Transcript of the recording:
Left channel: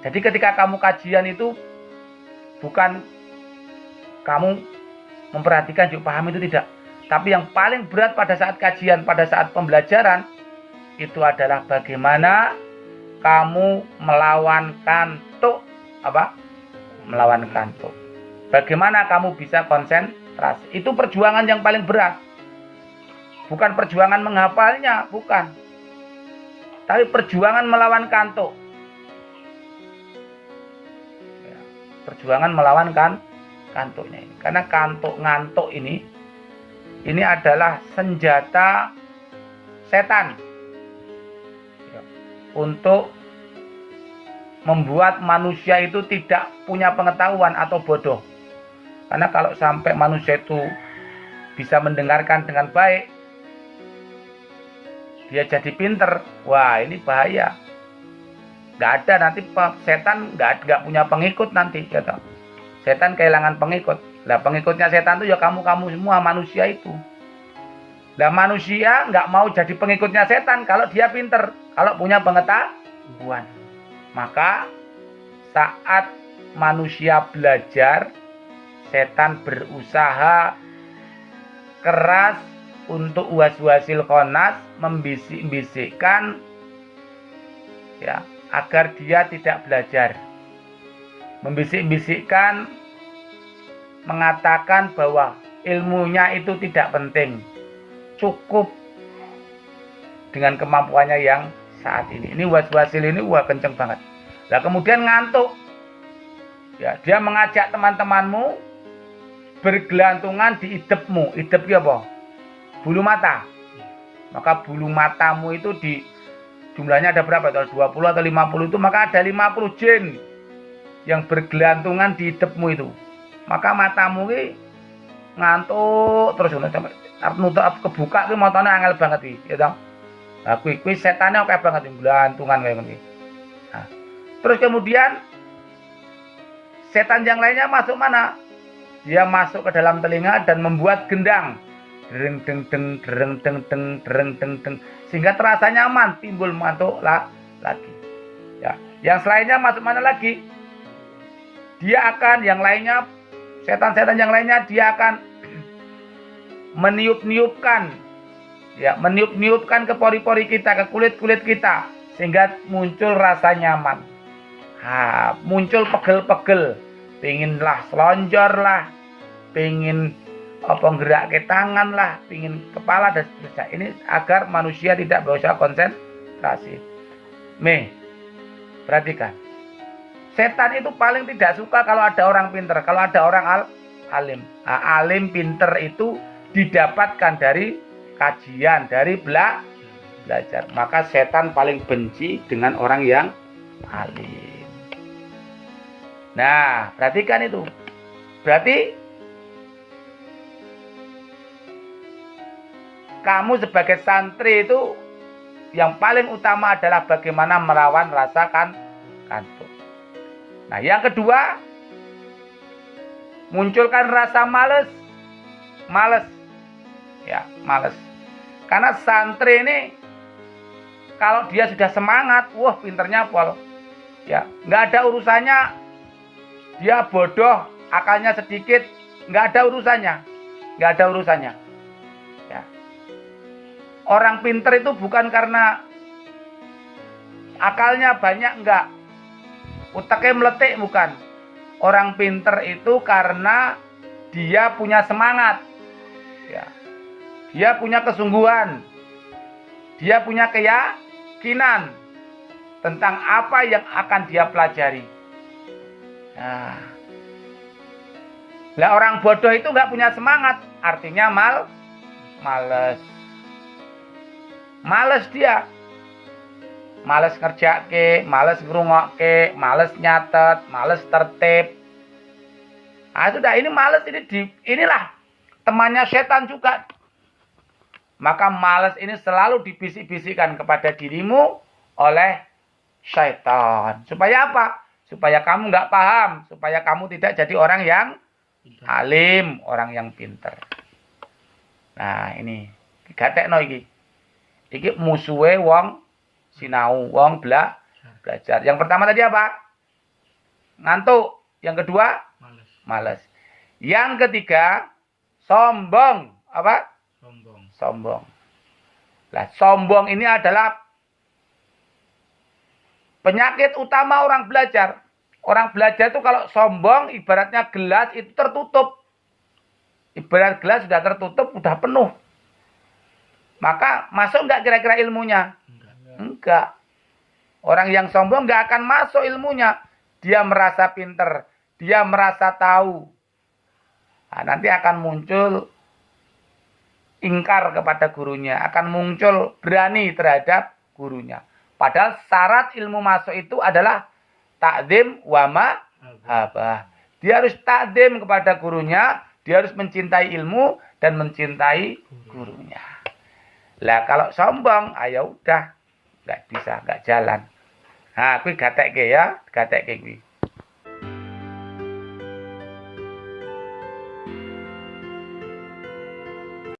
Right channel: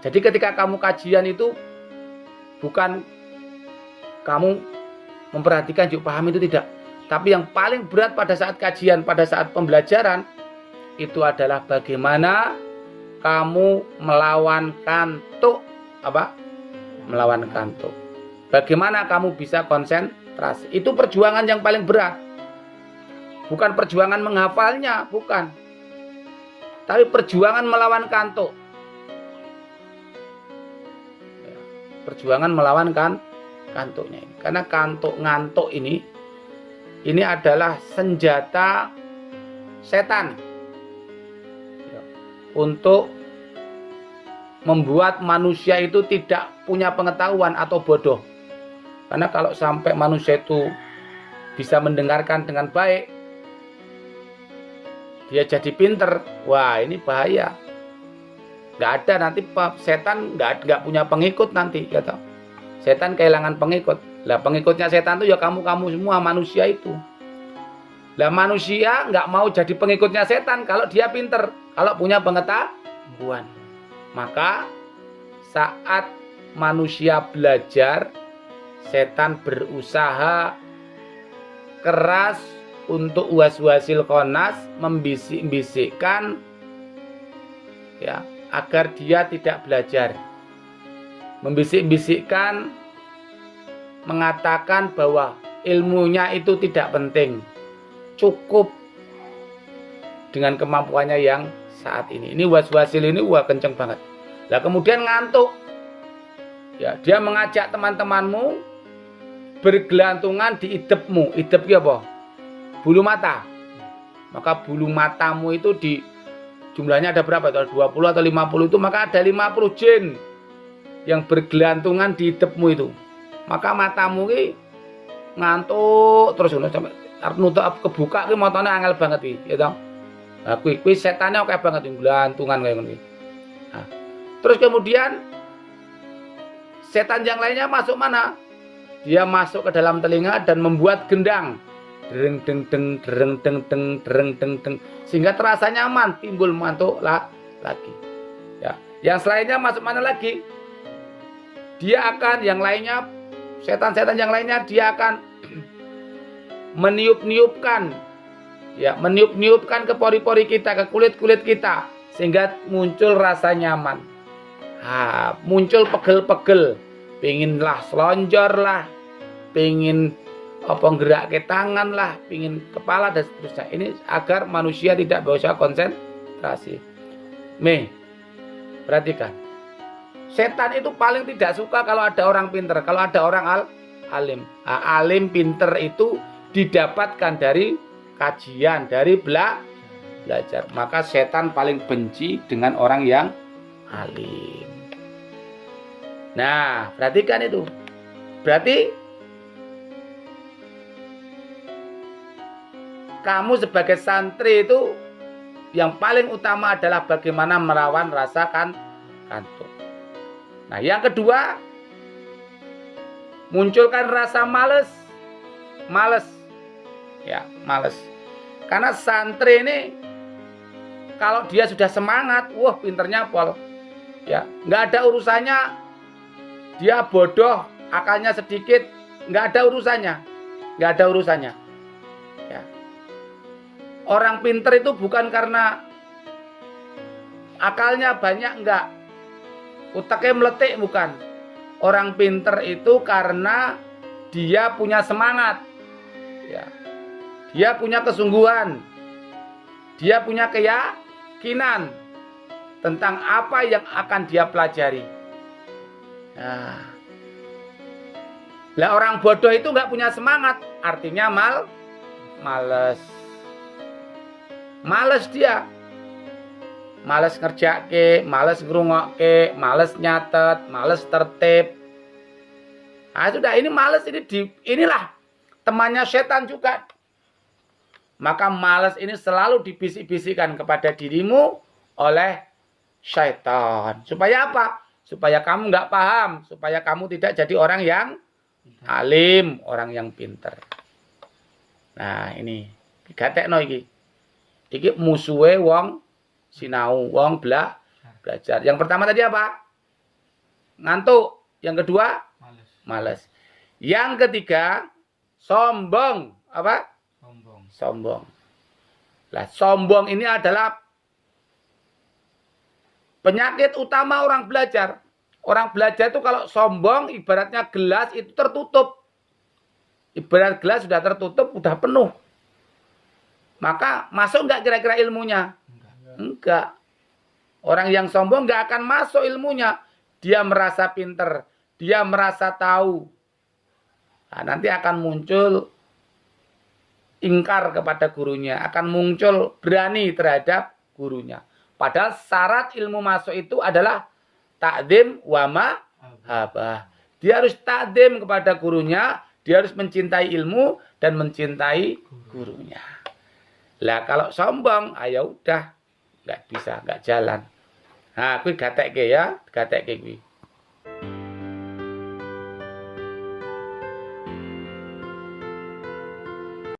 Jadi ketika kamu kajian itu bukan kamu memperhatikan yuk paham itu tidak. Tapi yang paling berat pada saat kajian, pada saat pembelajaran itu adalah bagaimana kamu melawan kantuk apa? Melawan kantuk. Bagaimana kamu bisa konsentrasi? Itu perjuangan yang paling berat. Bukan perjuangan menghafalnya, bukan. Tapi perjuangan melawan kantuk. Perjuangan melawan kantuknya ini. Karena ngantuk ini adalah senjata setan untuk membuat manusia itu tidak punya pengetahuan atau bodoh. Karena kalau sampai manusia itu bisa mendengarkan dengan baik, dia jadi pinter, wah ini bahaya. Nggak ada nanti setan nggak punya pengikut nanti, ya toh. Setan kehilangan pengikut. Lah pengikutnya setan itu ya kamu semua manusia itu. Lah manusia nggak mau jadi pengikutnya setan kalau dia pinter, kalau punya pengetahuan. Maka saat manusia belajar, setan berusaha keras untuk waswasil khonas, membisik-bisikkan ya agar dia tidak belajar. Membisik-bisikkan, mengatakan bahwa ilmunya itu tidak penting, cukup dengan kemampuannya yang saat ini. Ini waswasil ini wah kenceng banget. Lah kemudian ngantuk, ya dia mengajak teman-temanmu bergelantungan di idepmu. Idep ya apa? Bulu mata. Maka bulu matamu itu di jumlahnya ada berapa? 20 atau 50 itu, maka ada 50 jin yang bergelantungan di idepmu itu. Maka matamu ini ngantuk terus sampai nutup kebuka ki matane angel banget iki, ya toh. Lah kuwi setane oke banget gelantungan kayak ngono. Nah, terus kemudian setan yang lainnya masuk mana? Dia masuk ke dalam telinga dan membuat gendang. Dereng deng deng dereng deng deng dereng deng deng sehingga terasa nyaman, timbul ngantuk lagi. Ya, yang selainnya masuk mana lagi? Dia akan yang lainnya setan-setan yang lainnya dia akan meniup-niupkan ke pori-pori kita, ke kulit-kulit kita sehingga muncul rasa nyaman. Muncul pegel-pegel, pengin lah selonjor lah, pengin gerak ke tangan lah, pengin kepala dan seterusnya. Ini agar manusia tidak bisa konsentrasi. Perhatikan. Setan itu paling tidak suka kalau ada orang pinter, kalau ada orang alim. Alim pinter itu didapatkan dari kajian, dari belajar. Maka setan paling benci dengan orang yang alim. Nah, perhatikan itu. Berarti kamu sebagai santri itu yang paling utama adalah bagaimana melawan rasa kantuk. Nah, yang kedua, munculkan rasa males. Ya, males. Karena santri ini kalau dia sudah semangat, wah pinternya pol. Ya, nggak ada urusannya dia bodoh, akalnya sedikit, nggak ada urusannya. Ya. Orang pinter itu bukan karena akalnya banyak, enggak. Utaknya meletik, bukan. Orang pinter itu karena dia punya semangat. Ya. Dia punya kesungguhan. Dia punya keyakinan tentang apa yang akan dia pelajari. Nah. Lah orang bodoh itu enggak punya semangat, artinya males. Males dia. Males ngerjake, males ngrungokke, males nyatet, males tertib. Sudah ini males inilah temannya setan juga. Maka males ini selalu dibisik-bisikkan kepada dirimu oleh syaitan. Supaya apa? Supaya kamu nggak paham, supaya kamu tidak jadi orang yang alim, orang yang pinter. Nah, ini digatekno iki. Iki musuhe wong sinau, wong belajar. Yang pertama tadi apa? ngantuk. Yang kedua, Males. males. Yang ketiga, sombong. Apa? Sombong. Sombong. Lah, sombong ini adalah penyakit utama orang belajar. Orang belajar itu kalau sombong, ibaratnya gelas itu tertutup. Ibarat gelas sudah tertutup, sudah penuh. Maka masuk enggak kira-kira ilmunya? Enggak. Orang yang sombong enggak akan masuk ilmunya. Dia merasa pinter. Dia merasa tahu. Nah, nanti akan muncul ingkar kepada gurunya. Akan muncul berani terhadap gurunya. Padahal syarat ilmu masuk itu adalah takdim wa mahabbah. Dia harus takdim kepada gurunya. Dia harus mencintai ilmu dan mencintai gurunya. Lah kalau sombong, ayo udah. Nggak bisa, nggak jalan. Nah, kuwi gatekke ya. Gatekke kuwi.